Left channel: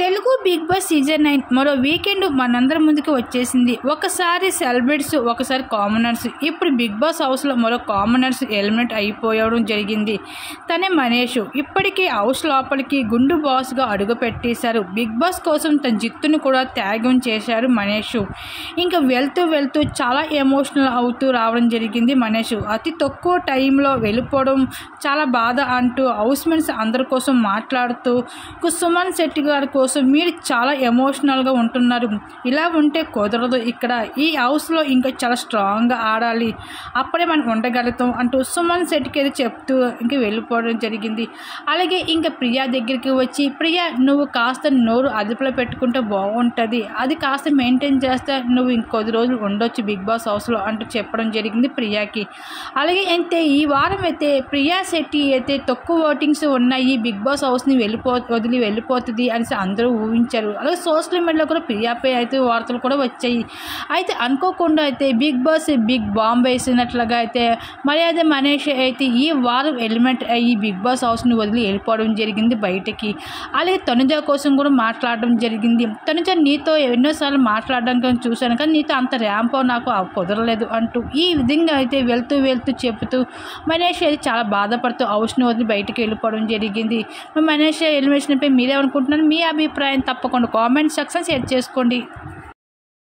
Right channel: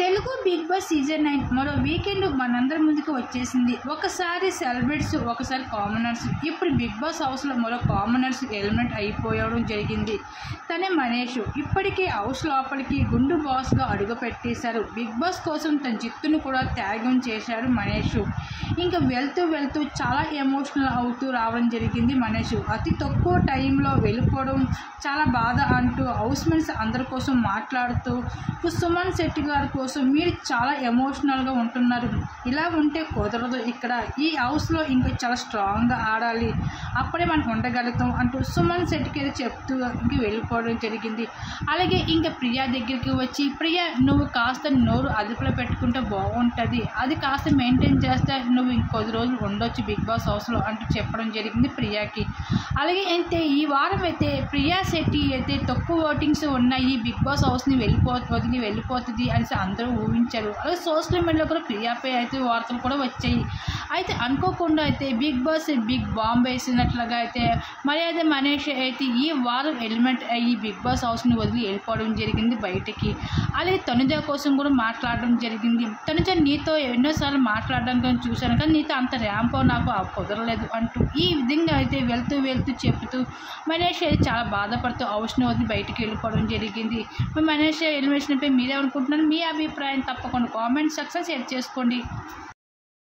Telugu big boss season 9 మరో weekend మనందరి ముందుకు వచ్చేసింది. ఒకసారి సెలబ్రిటీస్, ఒకసారి కామనర్స్. ఇప్పుడు బిగ్ బాస్ హౌస్లో మరో కామనర్స్ ఎలిమినేట్ అయిపోవడం జరిగింది. తనే మనీష్. ఇప్పటికీ హౌస్ లోపలికి గుండు బాస్గా అడుగు పెట్టేశారు. బిగ్ బాస్ కోసం తన జిత్తును కూడా త్యాగం చేశారు మనీష్. ఇంకా వెళ్తూ చాలా ఎమోషనల్ అవుతూ రావడం జరిగింది మనీష్. అతి తక్కువ టైంలో వెళ్ళిపోవడం చాలా బాధ అంటూ హౌస్ మేట్స్ అందరి కోసం మాట్లాడుతూ సుమన్ శెట్టి గారి కోసం మీరు చాలా ఎమోషనల్గా ఉంటున్నారు, ఇలా ఉంటే కుదరదు, ఇక్కడ ఈ హౌస్లో ఇంకా చాలా స్ట్రాంగ్గా ఆడాలి, అప్పుడే మనం ఉండగలుగుతాం అంటూ సుమన్ శెట్టికి అయితే చెప్తూ ఇంక వెళ్ళిపోవడం జరిగింది. అలాగే ఇంకా ప్రియా దగ్గరికి వచ్చి, ప్రియా నువ్వు కాస్త నోరు అదుపులో పెట్టుకుంటే బాగుంటుంది, అది కాస్త మెయింటైన్ చేస్తే నువ్వు ఇంకొద్ది రోజులు ఉండొచ్చు బిగ్ బాస్ హౌస్లో అంటూ చెప్పడం జరిగింది ప్రియాకి. అలాగే అయితే ఈ వారం అయితే ప్రియా శెట్టి అయితే తక్కువ ఓటింగ్స్ ఉన్నాయి, బిగ్ బాస్ హౌస్ని వదిలి వెళ్ళిపోతుంది అనేసి అందరూ ఊహించారు. అలాగే సోషల్ మీడియాలో కూడా ప్రియాపై అయితే వార్తలు కూడా వచ్చాయి. అయితే అనుకోకుండా అయితే బిగ్ బాస్ బిగ్ బాంబ్ వేసినట్లుగా అయితే మర్యాద మనీష్ అయితే ఈ వారం ఎలిమెంట్ అయ్యి బిగ్ బాస్ హౌస్ని వదిలి వెళ్ళిపోవడం జరిగింది బయటకి. అలాగే తనుజ కోసం కూడా మాట్లాడడం జరిగింది. తనుజ నీతో ఎన్నోసార్లు మాట్లాడడానికి చూశాను, కానీ నీతో అంత ర్యాంపో నాకు కుదరలేదు అంటూ ఈ విధంగా అయితే వెళ్తూ చెబుతూ మనీష్ అయితే చాలా బాధపడుతూ హౌస్ని వదిలి బయటకు వెళ్ళిపోవడం జరిగింది. మనీష్ ఎలిమినేషన్పై మీరేమనుకుంటున్నారు? మీ అభిప్రాయం తప్పకుండా కామెంట్ సెక్షన్ షేర్ చేసుకోండి.